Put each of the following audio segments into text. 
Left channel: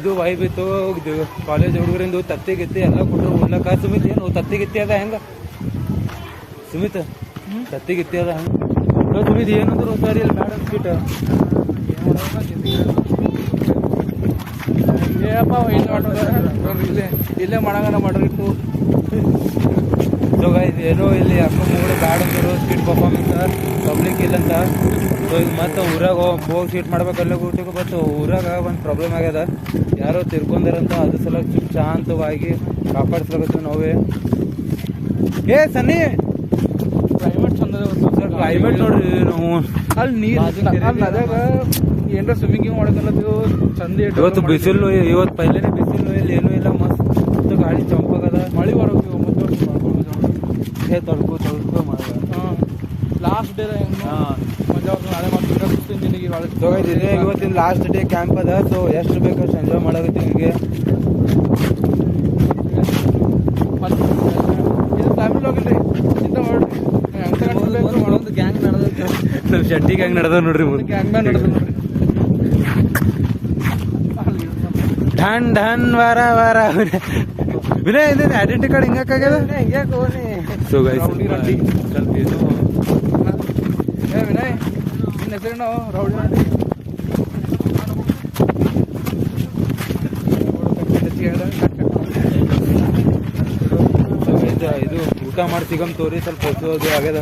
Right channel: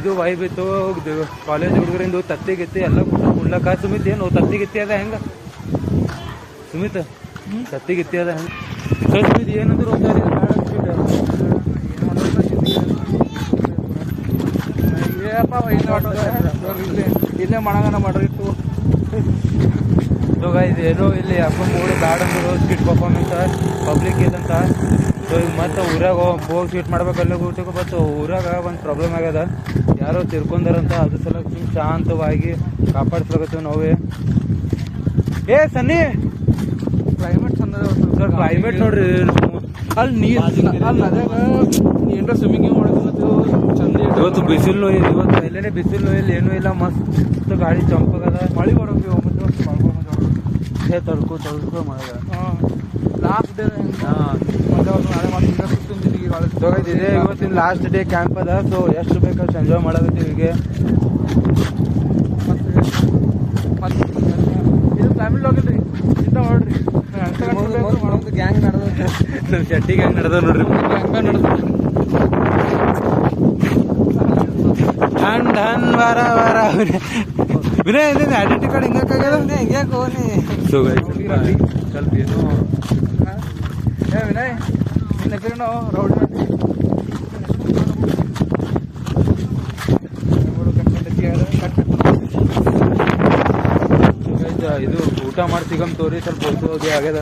ಇದು ವೈಬ್ ಇತ್ತು ಕಾಲೇಜ್ ಹುಡುಗರಿಂದ ತತ್ತಿ ಗಿತ್ತಿ ಎಲ್ಲ ಕೊಟ್ಟರು ಉಡ್ಲಕ್ಕ. ಸುಮಿತ್ ಏನು ತತ್ತಿ ಗಿತ್ತಿ ಅದ ಹೆಂಗ ಸುಮಿತ್ ತತ್ತಿ ಗಿತ್ತಿ ಅದ ಹೆಂಗ? ಸೊ ಸುಮಿತ್ ಏನಂದ್ರು ಸರಿ ಬೇಡ ಸ್ಕಿಟ್ ಇಲ್ಲೇ ಮಾಡಂಗನ ಮಾಡಿತ್ತು. ಸೊ ಗೈಸ್ ಏನೋ ಇಲ್ಲಿ ಯಾಕೋ ಮೂಡು ಬ್ಯಾಡ್ ಅಂದರು ಸ್ಕಿಟ್ ಪರ್ಫಾರ್ಮೆನ್ಸ್ ಪಬ್ಲಿಕ್ ಇಲ್ಲಂತ. ಸೊ ಈಗ ಮತ್ತೆ ಊರಾಗ ಹೋಗಿ ಶೀಟ್ ಮಾಡ್ಬೇಕಲ್ಲ ಊಟಕ್ಕೆ. ಬಟ್ ಊರಾಗ ಒಂದು ಪ್ರಾಬ್ಲಮ್ ಆಗ್ಯದ, ಯಾರೋ ತಿರ್ಕೊಂಡಾರಂತ. ಅದ್ರ ಸಲ ಶಾಂತವಾಗಿ ಕಾಪಾಡಿಸ್ಲಾಗತ್ತೀವಿ ನಾವೇ. ಏ ಸನ್ನಿ ಕ್ಲೈಮೇಟ್ ಚಂದ ಸರ್ ಕ್ಲೈಮೇಟ್ ನೋಡ್ರಿ ಅಲ್ಲಿ ನೀರು ಏನಾರ ಸ್ವಿಮ್ಮಿಂಗ್ ಮಾಡೋದು ಚಂದ. ಇವತ್ತು ಬಿಸಿಲು ಇವತ್ತು ಪೈಲೇನೆ ಬಿಸಿಲು ಇಲ್ಲಿ ಏನೂ ಇಲ್ಲ, ಮಸ್ತ್ ಗಾಳಿ ಚಂಪಾಗದ. ಮಳೆ ಬರೋದು ತಡ್ಕೊ ಮಳೆ. ಲಾಸ್ಟ್ ಡೇ ಮಜಾ ನಾಳೆ ಮತ್ತೆ ಇದೆ ಇವತ್ತಿನ ಲಾಸ್ಟ್ ಡೇ ಕ್ಯಾಂಪ್ ಅದ. ಸೊ ಎಷ್ಟು ಬೇಕಷ್ಟು ಎಂಜಾಯ್ ಮಾಡಾಕತ್ತೀವಿ. ಈಗ ಇದು ಫ್ಯಾಮಿಲಿ ಹೋಗಿಲ್ರಿ ಇಂತ ಮಾಡ್ರಿ ಒಂದು ಗ್ಯಾಂಗ್ ನಡೆದ ನಮ್ಮ ಶೆಟ್ಟಿ ಗ್ಯಾಂಗ್ ನಡೆದ ನೋಡ್ರಿ. ಢನ್ ಢನ್ ವಾರ ವಾರ ವಿನಯ್ ಏನೇನು ಐಡೆಂಟಿ ಕಾರ್ಡ್ ಹಿಂಗಾಗ್ಯದ ಹಿಂಗೆ ಹೋಗಿ. ಸೊ ಗೈಸ್ ಸ್ವಲ್ಪ ಏನು ಏ ವಿನಯ್ ನಿನ್ನ ಹೆಸರೇನು? ರೌಡಿ ಇದು ಊಟ ಮಾಡಿ ಸಿಗಮ್ ತೋರಿ ಸ್ವಲ್ಪ ಹೊಸದು ಆಗ್ಯದ.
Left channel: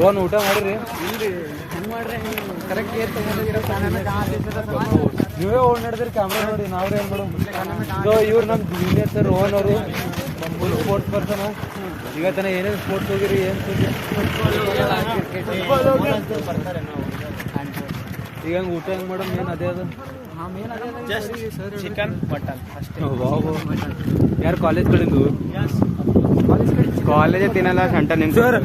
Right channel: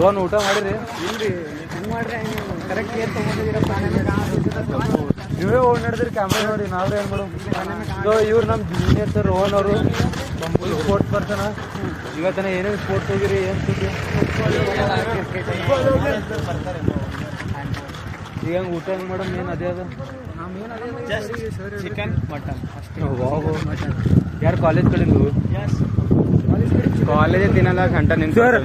ರೋನ್ ಊಟ ಮಾಡಿರಿ? ಕರೆಕ್ಟ್ ಕೇರ್ ತಗೊಂಡಿದ್ದೀರಪ್ಪ. ನೀವೇ ಓಡ್ ನಡೆದ್ರಿ ಕ್ಯಾಮ್ರಾ ನೋಡಿ, ನಾವ್ರೆ ಏನ್ ಮಾಡೋದು. ಸೊ ಇವ್ರು ನಮ್ಮ ಜೂನಿಯರ್ ಸರ್ ರೋಹನ್ ಅವರು ಫುಲ್ ಸ್ಪೋರ್ಟ್ಸ್ ಪರ್ಸನ್. ಈಗ ತನ ಏನೇನು ಸ್ಪೋರ್ಟ್ಸ್ ಹೋಗಿರಿ ಏನು ಸುದ್ದಿ? ಈಗ ಹೆಂಗೆ ಊಟ ಹೆಂಗೆ ಮೇಡಮ್ ಏನು ಅದೇ ಅದ? ಚಿಕನ್ ಮಟನ್ ಯಾರು ಕಾಲೇಜ್ ಕಡೆಂದು? ಕಾಲೇಜ್ ತಿನ್ನಲ್ಲ ಸಂಟ ನಿಮ್ ಸರ್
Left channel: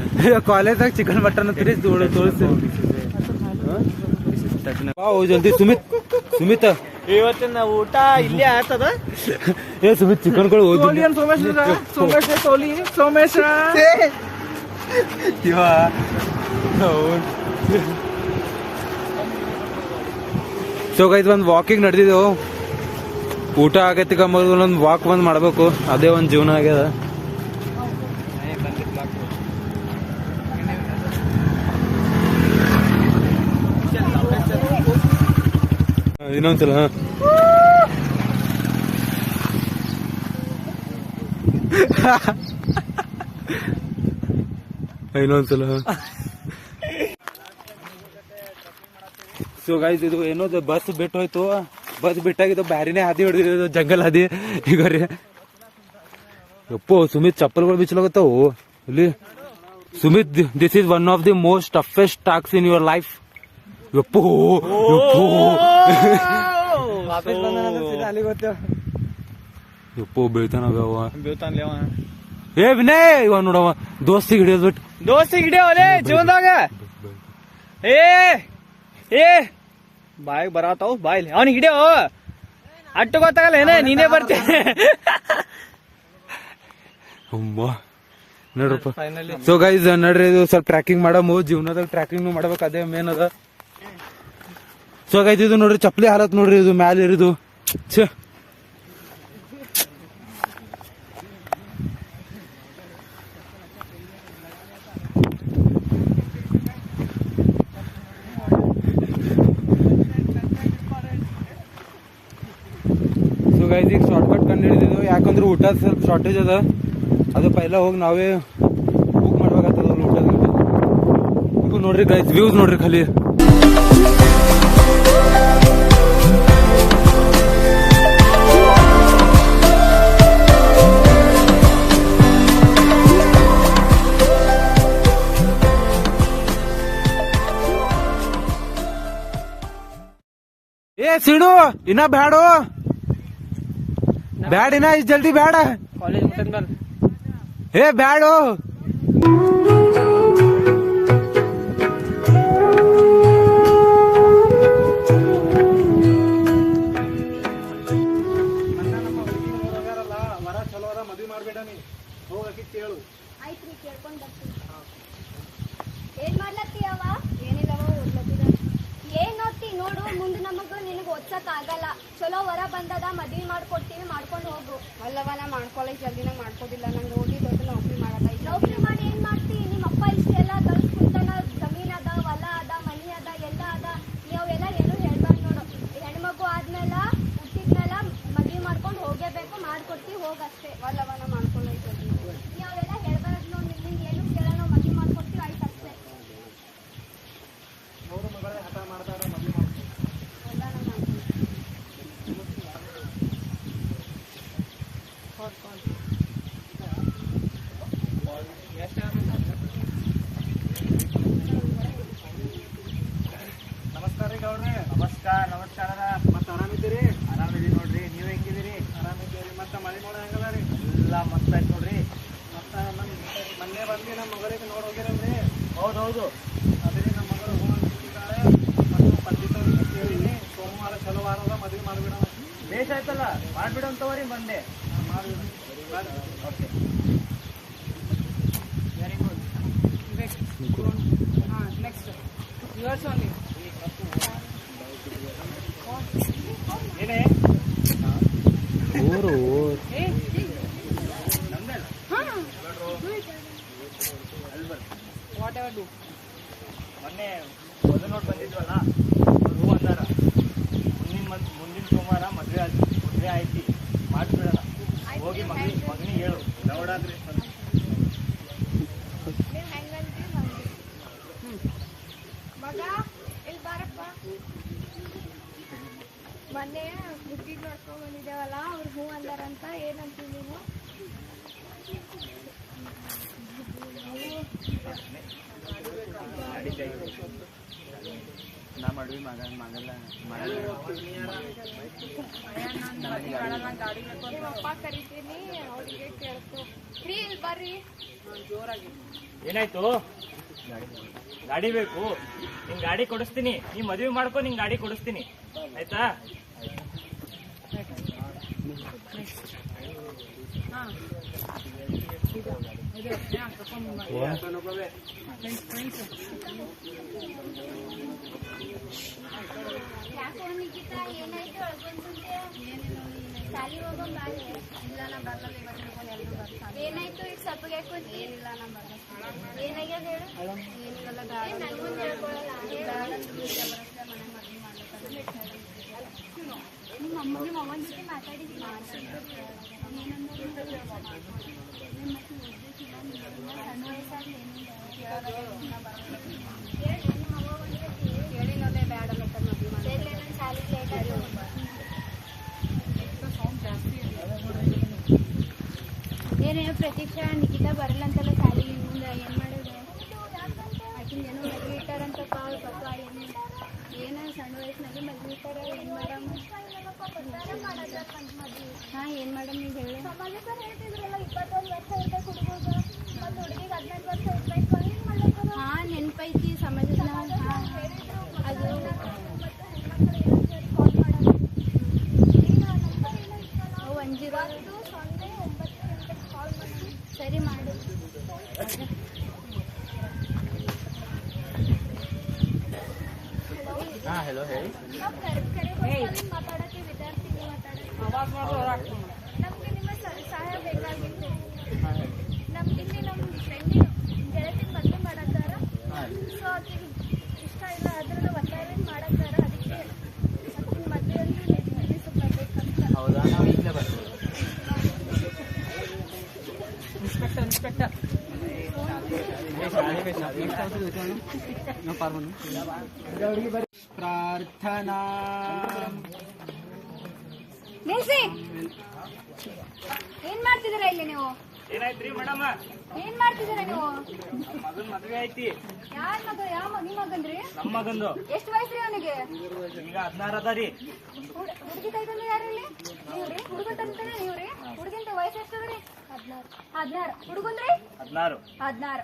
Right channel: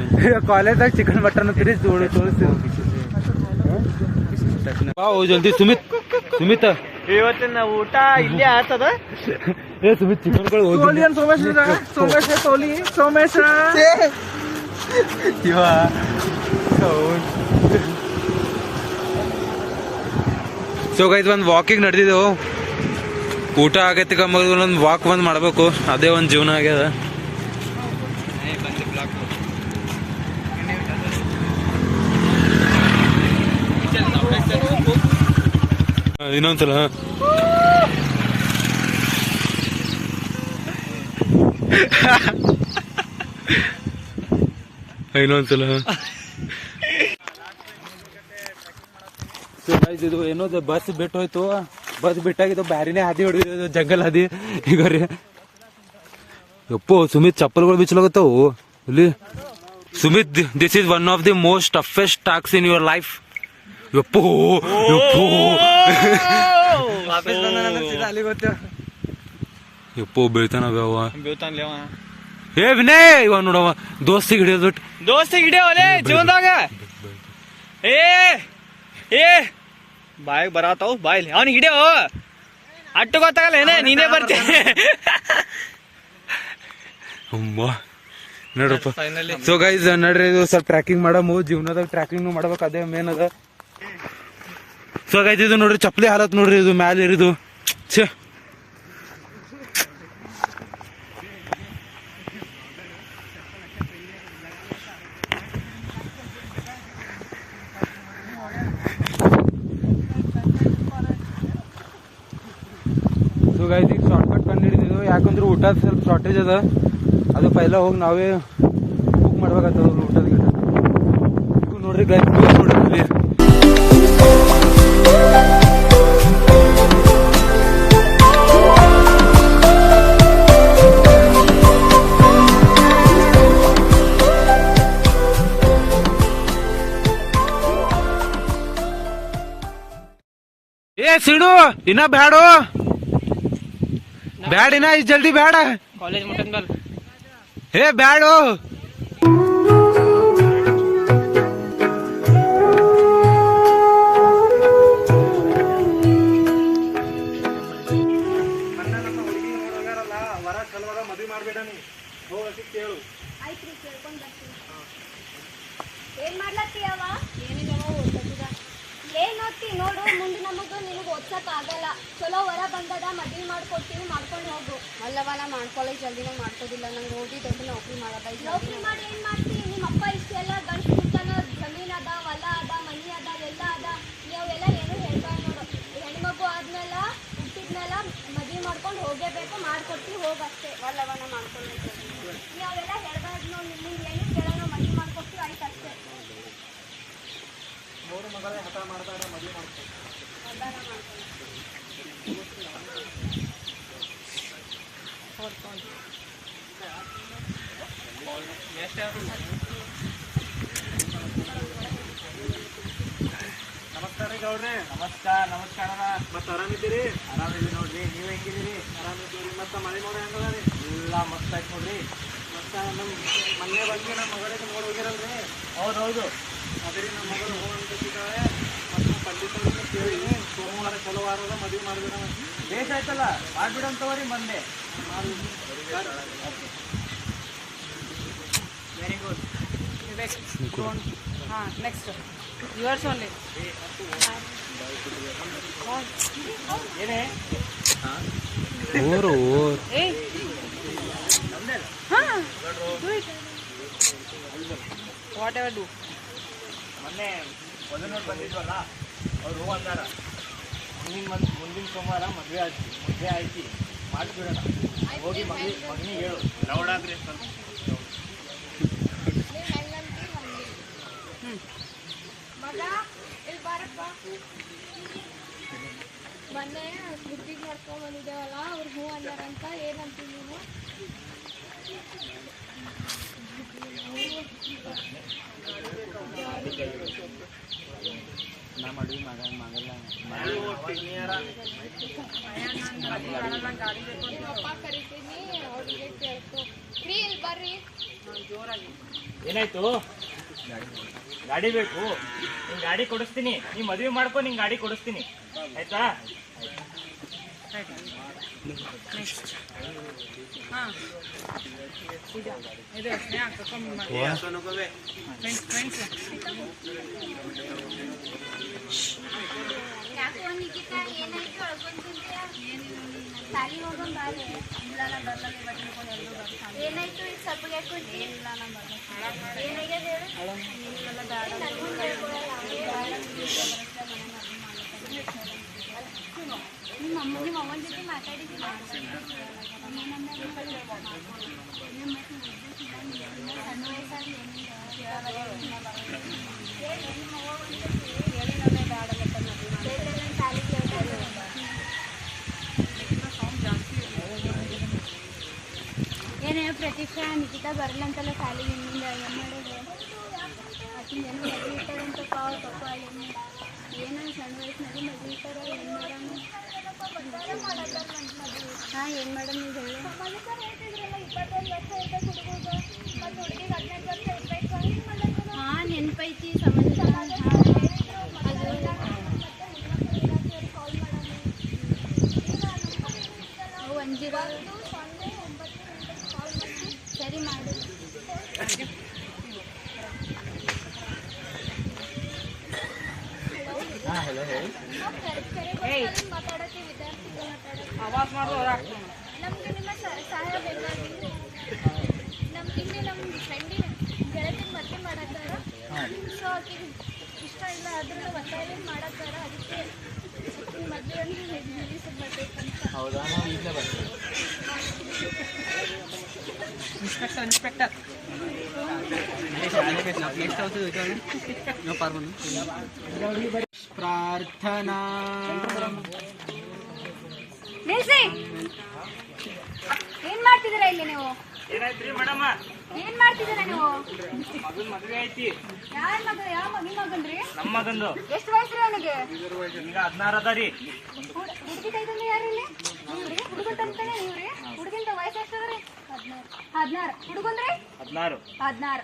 ಕಾಲೇಜಾಗ ಚಿಕನ್ ಮಟನ್ ಅಂತೀರಿ ತೋರಿಸ್ತೀರಿ. ಜಲ್ದಿ ಸುಮಿತ್ ಸುಮಿತ್ ಇವತ್ತಿನ ಊಟ ಇಲ್ಲೇ ಆಗ್ತದ. ಏ ಸುಮಿತ್ ಚಿಕನ್ ಕಡೆ ಸೋಮೇಶ ಸೊ ಗೈಸ್ ಒಂದು ವಾಕಿಂಗ್ ನಡೆದಿದ್ದೆವು. ಊಟ ಆಗೈತಿ ಕಮ್ಮ ಒಂದು ವಾಕ್ ಬಂದು ಮಾಡಬೇಕು, ಅದೇ ಒಂದು ಜೀವನ ಆಗ್ಯದ. ಇನ್ನೊಂದ್ಸಲ ಇನ್ನೊಂದ್ಸಲ. ಸೊ ಗೈಸ್ ಇದು ಏನೋ ಬಸ್ ಬಿಟ್ಟು ಹೋಯ್ತು. ಬಸ್ ಬಿಟ್ಟಾಗಿದ್ದು ಬ್ಯಾರಿನೇ ಹಾದಿ ಹೊಡೆದಿದ್ದು ಜಂಗಲ್ ಹಾದಿ. ಈಗ ರೀ ಯಪ್ಪೋ ಸುಮಿತ್ ಚಪ್ಪಲ್ಗಳು ಬಿಚ್ಚಲಾಗತ್ತಾವು ಇಲ್ಲಿ. Sumit this is one of the most toughest task in your life. ಯಪ್ಪೋ ಯಪ್ಪೋ ಯಪ್ಪೋ ಬೀಳ್ತಾನ ಬ್ಯಾವ. ಏ ವಿನಯ್ ಇವ ನೋಡವ ದೋಸ್ತಿಗೆ ಹಿಡಿಯೋದು ಬಿಟ್ಟು ದೋಸ್ತಿಗೆ ಹಿಡಿಯೋಲೆ ಜೀವನದಾಗ. ಏ ಏ ಬಾಯ್ ಬರತಾವ್ ಬಾಯ್ಲಿ ಅವನಿಗೆ ಹಿಡಿಯೋ. ಅಟ್ಟು ಗೊತ್ತಾಗಲ್ಲ ಏನೇ ನೀನೇ ಬರ್ತೀನಿ ನೋಡ್ರಪ್ಪ. ಸೊ ಗೈಸ್ ನಡ್ರಿ ಇದು ಸ್ವಲ್ಪ ಟ್ರ್ಯಾಕಿಂಗ್ ಮಾಡಮು. ಜೀವನದಾಗ ಟ್ರ್ಯಾಕಿಂಗ್ ಮಾಡ್ಬೇಕು, ಅದೇ ಮೇನ್ ಅದ. ಸೊ ಗೈಸ್ ಇದು ನೋಡ್ರಿ ಚಪ್ಪಲಿ ಹಾಲತ್ ನೋಡ್ರಿ, ಇದು ಮ್ಯಾಲ ಇರಿದು ಛೇ. ಸೊ ಗೈಸ್ ಈಗ ಶಾರ್ಟ್ಕಟ್ ಕಂಡು ಹಿಡಿದಿದ್ದು, ಯಾಕಂದ್ರೆ ಊಟ ಸ್ವಲ್ಪ ಶಾರ್ಟೇಜ್ ಅದ. ಅದು ಪೈಲ ಹೋಗಿ ನಾವೇ ಬುಕ್ ಮಾಡ್ಬೇಕಾಗ್ತದ ಊಟದ ಗಿಟ. ನೋಡ್ರಿ ಗೈಸ್ ವ್ಯೂ ನೋಡ್ರಿ ಖಾಲಿ. ಏ ಸಿಡು ಇನ್ನ ಬ್ಯಾಡು ಬ್ಯಾಡ, ಇನ್ನ ಇಷ್ಟು ಜಲ್ದಿ ಬ್ಯಾಡ. ಕಾಲೇಜ್ ಮಟನ್ ಮೇಲೆ ಏ ಬ್ಯಾಡು. ಏನ್ ಮಾಡ್ಲತ್ತೀಯವ? ಏನಿಲ್ಲ ಓದ್ಲತ್ತಿದ. ಏನ್ ಓದ್ತಿ? ನೋಡು ಮುಂದೆ ನಮಗೂ ನಿನಗೆ ಓದ್ಸಕ್ ಆಗಲ್ಲ. ಚಲೋ ವರ ಬಂದದ, ಮದ್ವಿ ಮಾಡ್ಕೊಡ್ತೀವಿ, ಮಾಡ್ಕೊಂಡು ಹೋಗು. ಅಲ್ಲವ ನಾ ಮಾಡ್ಕೊಳ್ಳಿ ಜಲ್ದಿನ ಮಾಡ್ಕೋದಿಲ್ಲ. ನಂಗೆ ಓದಿ ದೊಡ್ಡ ನೌಕರಿ ಮಾಡಲ್ಲ. ನೌಕರಿ ಮಾಡಿ ಏನ್ ಮಾಡ್ತಿ? ನಿಮ್ಮ ಅಪ್ಪ ಇಷ್ಟೆಲ್ಲ ಗಳಿಸ್ತಾನ, ಜಮೀನ್ ಅದ, ಹೊಲ ಅದ, ಮನಿ ಅದ, ಎಲ್ಲ ಅದ. ನೀವೆಲ್ಲ ಏನು ಹೇಳ್ಬೇಡ ನೋಡು. ಹೆಣ್ಮಗು ಆದ್ಮೇಲೆ ಹುಟ್ಟಿದ್ಮೇಲೆ ಮದ್ವಿ ಮಾಡ್ಕೊಂಡು ಹೋಗೇಬೇಕು, ಮಾಡ್ಕೊಡ್ತೀವಿ, ಹೋಗಷ್ಟೇ. ಅಲ್ಲವ ನಾ ಮಾಡ್ಕೊಳ್ಳಿ ನೀವೆಲ್ಲ ಹೇಳ್ಬೇಡ ನೋಡಿ. ನಿಮ್ಗೆ ಏನು ಕೇಳೋಣ, ಮದ್ವಿ ಮಾಡ್ಕೊಡ್ತೀವಿ, ಆಯ್ತು ಅಷ್ಟೇ. ನಮಸ್ಕಾರ ರೀ ಗೌಡ್ರಿ. ನಮಸ್ಕಾರ ಮತ್ತೆ ಆರಾಮಿದ್ದೀರಿ? ಆರಾಮಿದ್ದೀರಿ ನೋಡ್ರಿ. ನೀವು ಹೆಂಗಿದ್ದೀರಿ? ಆರಾಮಿದ್ದೀರಿ. ಮತ್ತೆ ಮಳೆ ನೋಡ ಹೆಂಗದ ರೀ? ಎಲ್ಲ ಮಸ್ತ್ ಆಯ್ತು ನೋಡ್ರಿ. ಮತ್ತೆ ನಮ್ಮ ಮೊನ್ನೆ ಬಂದು ನಮ್ಮ ಮಗಳಿಗೆ ನೋಡಿ ಹೋಗ್ಯಾರಲ್ರಿ? ಹೌದು. ಅದೇ ನಮ್ಮ ಮಗಳು ಹೋಗಿದ್ದಾಳೆ. ಪಂಡಿತರಿಗೆ ಕೇಳಿದ್ವಿ, ಸೋಮವಾರ ಚಲೋ ವಾರದ ಮದುವೆ ಮಾಡಿಬಿಡ. ಬೇಸ್ ಆಯ್ತಲ್ಲ, ಮಾಡ್ಬಿಡು ಅಂತವರಿ ಬಂದೆ. Very good. Next yours only. ಏನೇ ಊರು ವಾಟ್ ಎವರ್ ಡೂ. ಮೊನ್ನೆ ಮೊದಲು ನೋಡಿ ಬಂದಿದ್ವಲ್ಲ, ಅವ್ರು ಹೂ ಅಂದಾರ ಮುಂದಿನ ಸೋಮವಾರ ಮದುವೆ ಆಯ್ತಿ, ಮಾಡಿಬಿಡೋಣ. ಹೋಗಿ ಮಗನಿಗೆ ಹೇಳು. ಲೌಡಾದ್ರಿ ಸ್ವಲ್ಪ ನೀವು ಹೆಂಗಂತೀವಿ ಹಂಗೆ. ಮಗ ಇಲ್ಲಿ ಬಾರಪ್ಪ. ಮೊನ್ನೆ ಬುದ್ಧಿಗೆ ಮಾಡ್ಕೊಂಡ್ ಬಂದಿದ್ದೇವಲ್ಲ, ಅವ್ರು ಹೂ ಅಂದಾರಂತ. ಏನಂತೀವಿ ನೀನು? ನಾ ಮದ್ವೆ ಮಾಡಲ್ಲ. ನಿಮ್ಮ ಅಪ್ಪ ಕರಿತೀನಿ, ಅವ್ರಿಗೆ ಕೇಳ್ಕೊ. ಫ್ರೀ ಇಲ್ಲಿ ಬರ್ರಿ. ಏನಾಯ್ತು? ಗಾಡಿ ಬೇಕು? ನಿಂಗೆ ಗಾಡಿ ಕೊಡಿಸ್ತೀನಿ. ನೀ ಮದುವೆ ಮಾಡ್ಕೊ, ನಿಂಗೆ ಗಾಡಿ ಕೊಡಿಸ್ತೀನಿ, ಆಯ್ತಾ? ಯಾಕೋ ನಿಖಿತಾ, ಏನಾಯ್ತು? ಅಳ್ಕೊಂತಿದ್ದೆ. ಸಾಲಿ ಹೋಗೋಣ ಬಾರೆ. ಇಲ್ಲ ನಾ ಬರಲ್ಲ, ಇವತ್ತು ಎಲ್ಲರೂ ಬರ್ತಾರೆ. ಏನಾಯ್ತು? ಈಗ ಸ್ವಲ್ಪ ಹೇಳ್ಕೊಂಡಿ. ಏನಿಲ್ಲ ನಾ ಬರಲ್ಲ. ಏನಾಗ್ಯದ ಹೇಳು? ಏನಿಲ್ಲ ಬೇಡ. ನನಗೂ ಹೇಳ್ಕೊಳಲ್ಲ. ನಿಮ್ಮ ಅಮ್ಮನ ಜೊತೆ ಮಾತಾಡಿದ್ದೀನಿ. ಹೇಳಿ ನೋಡೇ ಬೇಡ ಮತ್ತೆ ಮದುವೆ ಮಾಡಿ. ಏನೇ ಪ್ರತೀಕ್ಷಾ, ನಿಖಿತಾ ಬರಲ್ಲ ಅಂತಲ್ಲ ಸಾಲಿಗೆ. ಇನ್ನೊಂದು ಏನು ಮಾಡೋದು? ಆಕಿನ ಏನೋ ಮದುವೆ ಇಟ್ಟಾರಂತಪ್ಪ ಅವ್ರ ಪಪ್ಪ. ಏನೋ ಸಣ್ಣ ವಯಸ್ಸಿನಲ್ಲಿ ಮದುವೆ ಇಟ್ಟಾರ. ಏನು ಮಾಡೋಣ? ಹಾಂ, ಏನು ಮಾಡೋಣ ನೀವು ಹೇಳಿ. ಹಾಂ, ನೆನಪೈತಿ ಸಮಾಜ. ಅದು ಸರಿ ಮಾಡು. ಹಾಂ, ಹೆಲೋ ಹೇಳಿ. ಮಾತಾಡತ್ತೀವಿ, ವಿದ್ಯಾರ್ಥಿಗಳು ಮಾತಾಡತ್ತೀವಿ. ಆವಾಜ್ ಮಾಡೋದು ನಮ್ಗೆ ನಿಮ್ಮ ಸಹಾಯ ಬೇಕಾಗಿತ್ತು. ನಮ್ಗೆ ನಮ್ಮ ಫ್ರೆಂಡಿನ ಗೆಳತಿನ ಮದುವೆ ಮಾಡತ್ತಾರ. ಸೊ ಆಕಿಗೆ ಇಷ್ಟ ಇಲ್ಲ, ಅದ್ರಿಂದ ಒತ್ತಾಯ ಮಾಡತ್ತಾರ. ಅದಕ್ಕೆ ಆಕಿನ ಮದುವೆ ಅಂದ್ರೆ ಬರ್ಬೇಕಂತ. ಹೌದಾ? ನಾವು ಇಲ್ಲೇ ಬರ್ತೀವಿ. ಇನ್ಸ್ಪೆಕ್ಟರ್ ಪ್ರಾರ್ಥನಾ. ನಿಲ್ಸಿ. ಏನ್ ಮಾಡ್ತಿದ್ದೀರಾ ಇಲ್ಲಿ ನೀವು? ಏನಾಯ್ತ್ರಿ ಮೇಡಮ್? ಏನ್ ಮಾಡ್ತಿದ್ದೀರಾ ನೀವು? ಮಗನ್ ಮದುವೆ ಐತಿ. ಯಾರ ಮಗ? ಯಾವ ನಿಮ್ ಮಗನ್ರಿ? ನಮ್ಮ ಮಗಂದು. ಎಷ್ಟು ವಯಸ್ಸು ರೀ ಅವನಿಗೆ? ಈಗ 16 ಅದ ರೀ. ಹುಡುಗಿ ಕೈತಂದ್ರೆ ಯಾರಿಲ್ಲಿ? ನೀವ್ರಿ? ಹುಡುಗನ್ ತಂತಾನೆ ನೀವ್ರಿ? ಹುಡುಗಿಂತ ವಯಸ್ಸು ಎಷ್ಟದ್ರಿ? 16. ಹುಡುಗಂದ್ರಿ? 16.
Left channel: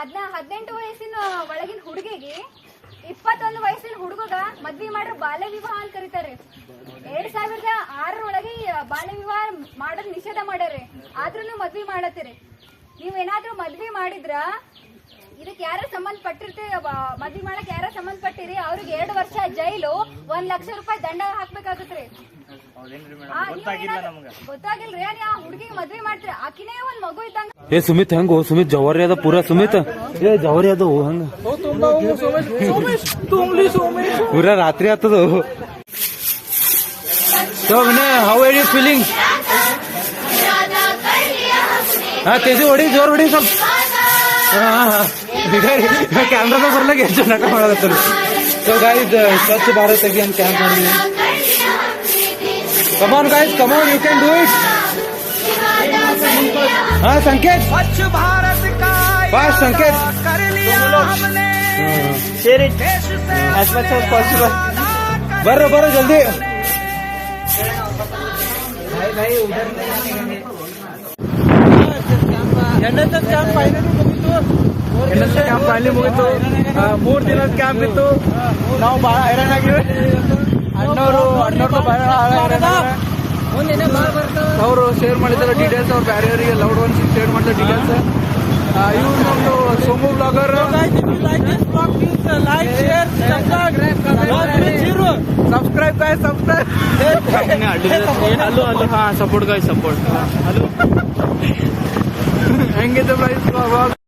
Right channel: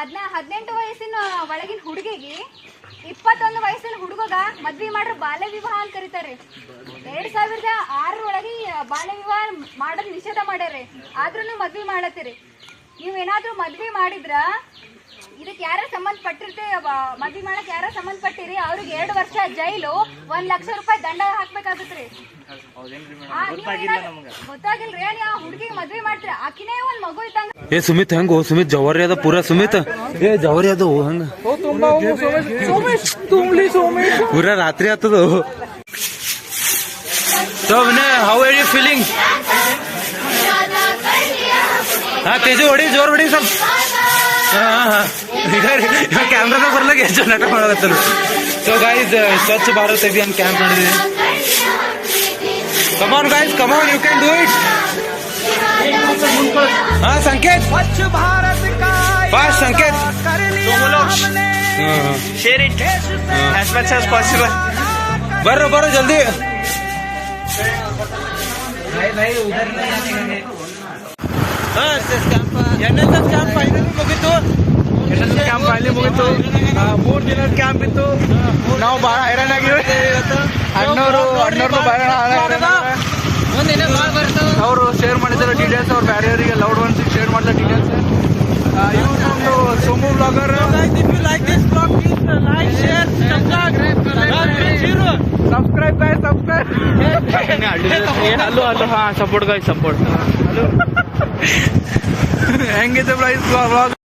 18 ವಯಸ್ಸಿನ ಒಳಗಿನ ಹುಡುಗಿಗೆ 21 ವಯಸ್ಸಿನ ಹುಡುಗಗ ಮದ್ವೆ ಮಾಡ್ರೆ ಬಾಲ್ಯ ವಿವಾಹ ಅಂತ ಕರೀತಾರೆ. 2006 ಒಳಗೆ ಬಾಲ್ಯ ವಿವಾಹ ಮಾಡೋದ್ ನಿಷೇಧ ಮಾಡ್ಯಾರೆ. ಆದ್ರೂ ನೀವು ಮದ್ವೆ ಮಾಡತ್ತೀರಿ. ನೀವೇನಾದ್ರೂ ಮದ್ವೆ ಮಾಡಿದ್ರ ಇದಕ್ಕೆ ಯಾರ ಸಂಬಂಧಪಟ್ಟಿರ್ತೀವಿ ಮದ್ವೆ ಮಾಡಕ್ ಯಾರ ಸಂಬಂಧಪಟ್ಟಿರಿ ಅವ್ರಿಗೆ 2 ವರ್ಷ ಜೈಲು 1 ಲಕ್ಷ ರೂಪಾಯಿ ದಂಡ ಹಾಕ್ಬೇಕಾಗತ್ರಿ. ಗೊತ್ತಾಗಿಲ್ರಿ ಆ ಹುಡುಗಿಗೆ ಮದ್ವೆ ಮಾಡ್ತೀರಿ, ಆಕಿನೇ ಒಂದ್ ಮಗು ಇದ್ದಂಗ. ಏ ಸುಮಿತ್ ಹೆಂಗೋ ಸುಮಿತ್ ಜವಾರಿ ಅದ ಪೂರಾ ಸುಮಿತ್ ಏ ಜವಾರಿ ಅದು ಹಂಗ ಪೂರಾ ರಾತ್ರಿ ಆತದ. So how are you feeling? ಹಾ ತೇಜು ಹೊಡಿ ಜೋರ್ ಹೊಡಿ ಸ್ವಲ್ಪ. ಕ್ಯಾಮ್ರಾದಾಗ ಬರ್ಲಾಗ ಎಷ್ಟು ನಾಟಕ ಮಾಡಕತ್ತಲ್ಲ. So guys Swachh Bharat Abhiyan camp ಮಾಡಿದ್ವಿ. Come on guys, come on, you can do it. हाँ संकेत, स्वच्छ भारत का बस संकेत, कर लिया हमने, share it as much as possible. बरो बरो जल्दी. NSS ಕ್ಯಾಂಪ್ ಫೈನಲಿ ಮುಗಿತು. 3 ದಿನದ ಕ್ಯಾಂಪ್ ಇತ್ತು. ನಾವು ಬಹಳ ಅವರು ಶೇರ್ ಮಾಡಿದ್ದಾರೆ ಡೀಟೇಲ್ಸ್. ಅವ್ರು ಬೇರೆಯವರಿಗೆ ಲೌಡ್ ಒನ್ಸ್ ಶೇರ್ ಮಾಡಿದ details. Somu blogger like this blog please like share subscribe guys subscribe. Hello hello ಹಾ ಸಪೋರ್ಟ್ ಗಾಯ್ಸ್ ಸಪೋರ್ಟ್. ಹಲೋ ಹೆಂಗಿದೆ ಬ್ಲಾಗ್